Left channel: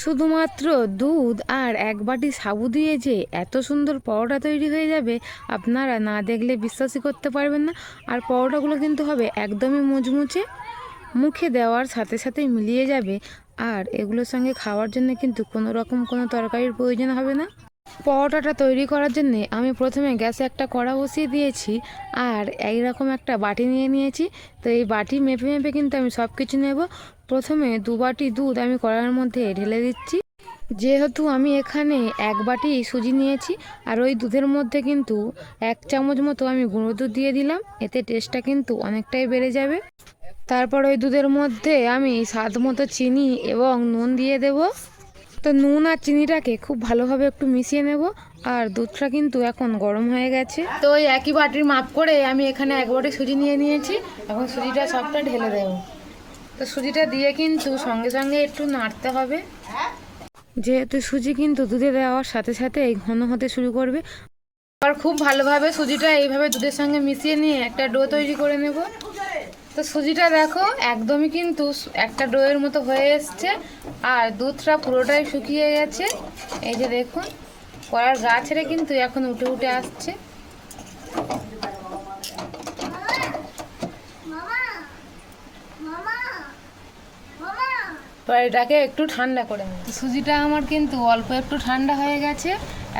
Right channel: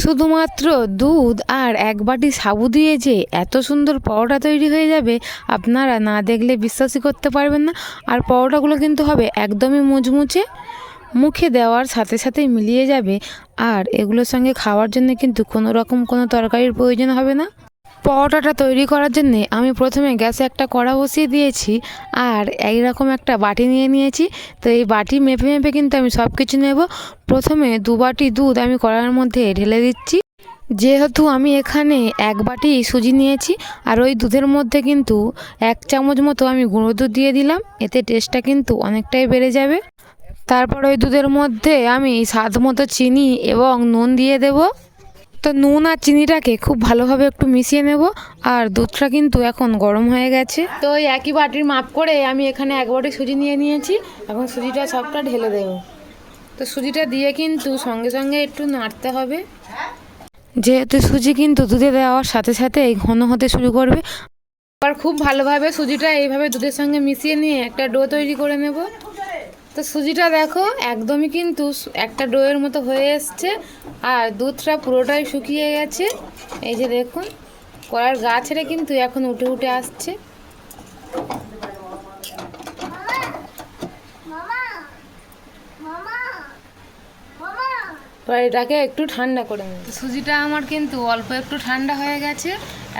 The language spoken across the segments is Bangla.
শুধুমাত্র দুধ আর এক বাটি সাবু দিয়ে যে এত সুন্দর পরোটা তৈরি হয়ে যাবে, আপনারা না দেখলে বিশ্বাসই করতে পারবেন না। আর পরোটাগুলো কিন্তু হবে একদমই মুচমুচে, মুখে দেওয়ার সাথে সাথে মিলিয়ে যাবে। আর এগুলোর সঙ্গে খাওয়ার জন্য কিন্তু কোনো রকম কোনো তরকারির প্রয়োজন হবে না। পরোটাটা তৈরি করার জন্যে আমি প্রথমে গ্যাসে একটা কড়া বসিয়ে দিয়েছি আর এইরকম একটা বাটি নিয়ে নিয়েছি। তো এই বাটি মেপে মেপে কিন্তু আমি সব কিছু নেব। প্রথমে দু বাটি দুধ আমি কড়ার মধ্যে ঢেলে দিচ্ছি। যেহেতু আমি এখানে এক বাটি সুজি নিয়েছি আর ওই দুধের মধ্যে কিন্তু এক চামচ মতো আমি গুঁড়ো দুধ দিয়ে দিলাম। এতে টেস্টটা কিন্তু অনেকটাই বেড়ে যাবে। তারপর ওই দুধের মধ্যে আমি স্বাদ মতো চিনি এবং নুন দিয়ে দেবো। তো নুন আর চিনিটাকে খুব ভালোভাবে একটু মিশিয়ে নেব আর দুধটা কিন্তু এখন গরম হয়ে গেছে। তো ওই একই বাটির মাপ করে আমি এখানে এক বাটি সুজি নিয়ে নিয়েছি এখন সুজিটা সবটা ঢেলে দেবো। তো সুজিটা দিয়ে কিন্তু সঙ্গে সঙ্গে একটু নাড়তে হবে। যেহেতু সুজি কিন্তু দুধে দেওয়ার সাথে সাথে এই ঘন হতে শুরু করবে। আবার খুব ভালোভাবে সুজিটা এইভাবে দুধের সঙ্গে মিশিয়ে নিয়ে একটা ডো তৈরি করে নেব। তো সুজিটা দেখো, একদমই কিন্তু একটা ডোয়ের মতো হয়ে এসছে, আর দুধটা পুরোটাই শুকিয়ে গেছে। এই যে দেখুন কড়ার গা ছেড়ে কিন্তু এখন উঠে উঠে আসছে। এবার এটাকে একটু ঠান্ডা করে নেব সুজিটা আমার কিন্তু অল্প একটু ঠান্ডা হয়ে গেছে।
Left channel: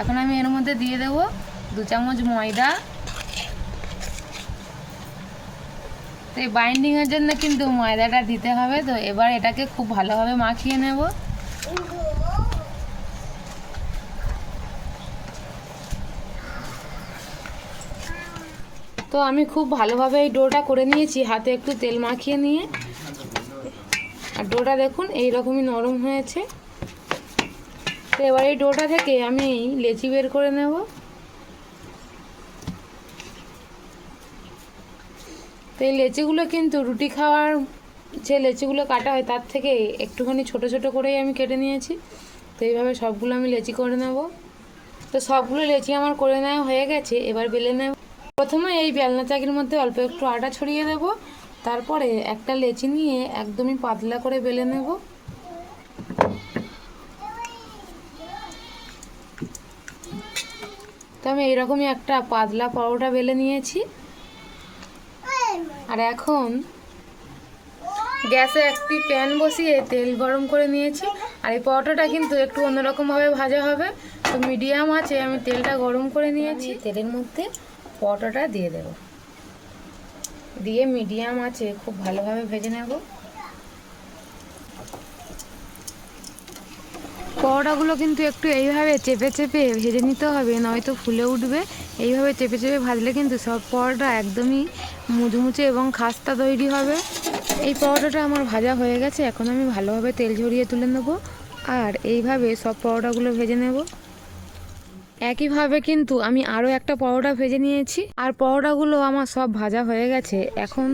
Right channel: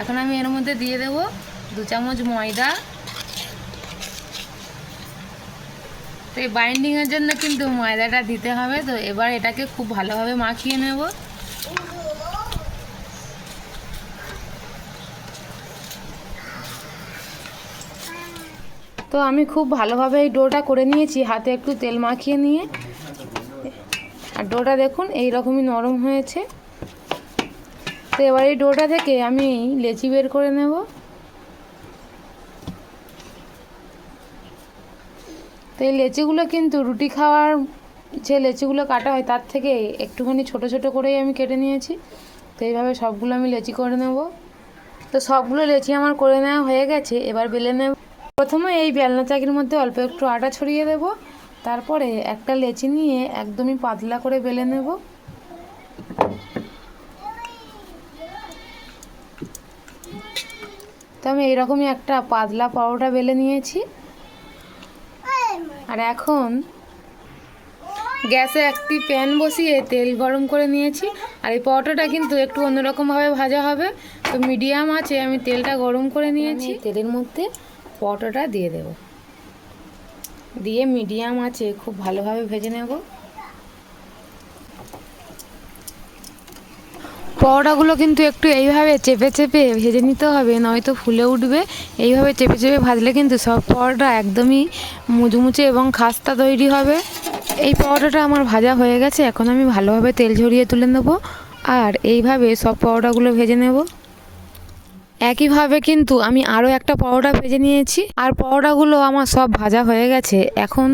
এখন আমি এর মধ্যে দিয়ে দেবো দু চামচ ময়দা তো এই বাইন্ডিংয়ের জন্য কিন্তু ময়দাটা দিতে হবে। তো এবার এটাকে খুব ভালোভাবে মাখিয়ে নেব। তো আমি খুব ভালোভাবে এই ডোটা করে নিয়েছি, হাতে একটু তেল মাখিয়ে নিয়ে। আর ডোটা দেখুন এই রকমই নরম হয়েছে। তো এবার এই ডোটা থেকে আমি লেচি বের করে নেব। তো এই লেচিগুলো কিন্তু রুটি খাওয়ার যে লেচিগুলো কাটা হয়, তার থেকে একটুখানি ছোট ছোট করেই আমি কেটে নিয়েছি। তো এইভাবে সবগুলো আমি লেচি করে নেব। তো সবগুলো লেচি আমার করে নেওয়া হয়ে গেছে, এবার বেলে নেব। প্রথমে এই বেলনা চাকির মধ্যে অল্প একটু আটা ছড়িয়ে দেব। তারপরে একটা লেচি নিয়ে একদমই পাতলা করে বেলে নেব। তো আমি এইরকমই একটা পাতলা পরোটা বেলে নিয়েছি। আর এখন গ্যাসে একটি প্যান বসিয়ে তেল গরম করে নিয়েছি। আর এই পরোটাটা কিন্তু একটু অন্যরকমভাবে ভাজা হবে। তো মিডিয়াম আছে আমি তেলটা গরম করে নিয়েছি। তেলের মধ্যে পরোটাটা দিয়ে দেব। দিয়ে মিডিয়াম আছে খুব ভালোভাবে ভেজে নেব। পরোটাগুলো কিন্তু একটু এইভাবে চেপে চেপে ভেজে নিতে হবে, নয়তো ফুলে উঠবে। এইভাবে চেপে চেপে ভাজলে কিন্তু সব পরোটা একদমই মুচমুচে এবং খাস্তা তৈরি হবে। এই পরোটাটা আমার ভাজা হয়ে গেছে, এখন আমি ভালোভাবে তেল ঝরিয়ে তুলে নেব আর এইভাবে সব পরোটাগুলো ভেজে নেব। একইভাবে কিন্তু আমি আরও একটা পরোটা ভেজে নিয়েছি আর পরোটাগুলো আমার সব ভাজা হয়ে গেছে। এখন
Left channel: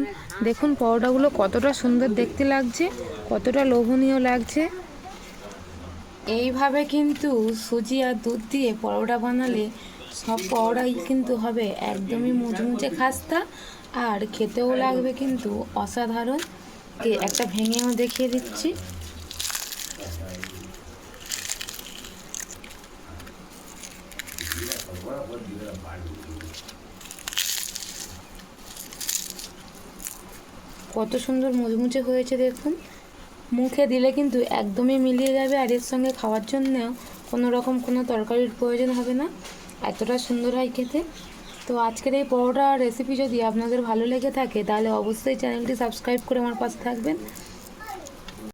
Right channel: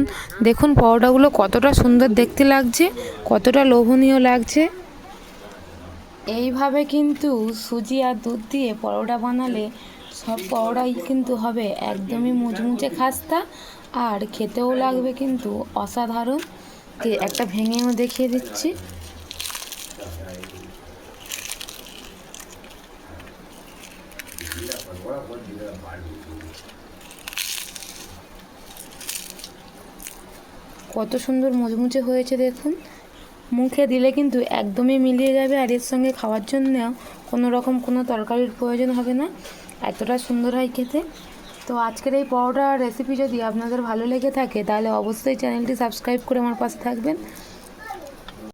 দেখুন পরোটাগুলো কতটা সুন্দর দেখতে লাগছে, কতটা লোভনীয় লাগছে। এইভাবে কিন্তু সুজি আর দুধ দিয়ে পরোটা বানালে সব পরোটাই কিন্তু হবে একদমই মুচমুচে খাস্তা আর খেতেও লাগবে কিন্তু অসাধারণ। একটা ভেঙেও দেখিয়ে দিচ্ছি। কত সুন্দর মুচমুচে হয়েছে দেখুন। মুখে দিলে কিন্তু একদমই মিলিয়ে যাবে আর এর সঙ্গে খাওয়ার জন্য কোনো রকম কোনো তরকারির প্রয়োজন হবে না। এতটা সুন্দর হয় খেতে। তো আজকের এই পরোটা রেসিপি যদি আপনাদের ভালো লেগে থাকে, তাহলে অবশ্যই চ্যানেলটি সাবস্ক্রাইব করে আমার পাশে থাকবেন।